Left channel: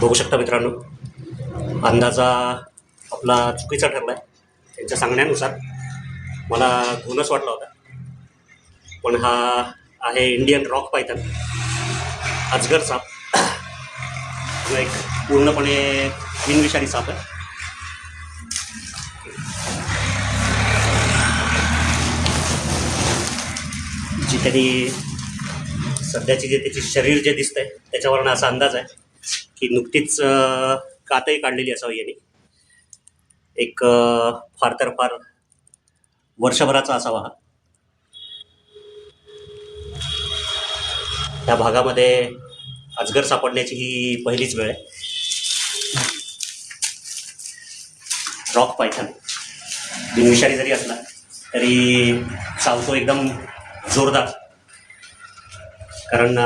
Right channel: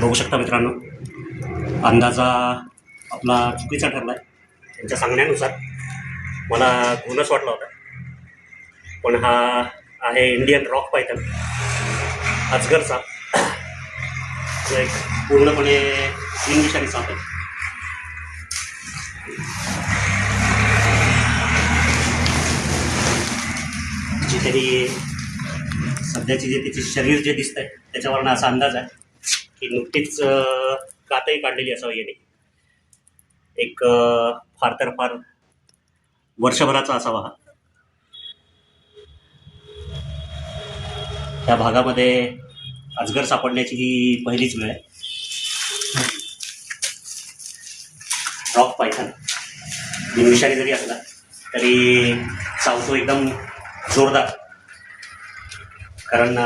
बघू शकता मित्रांनो, अंदाजा आपला चुकीचा ठरला आहे. त्यांच्या सांगण्यानुसार मला घोणस वाटला होता, पण हा आहे इंडियन रॉक पायथन, अजगर साप, जो एक पूर्णपणे बिनविषारी साप आहे. जी काही सध्याची जे त्याची शरीर जे दिसतंय त्याच्यावरनं असा अंदाज आहे की नुकतीच कातही काढलेली असावी याने. एक फार तर फार वर्षभराचा असावा हा. त्या भागामध्ये अजगर सापडण्याची ही पहिलीच वेळ आहे. रॉक पायथन बिनविषारी जरी असला तरी चावतो एकदम जोरदार, कारण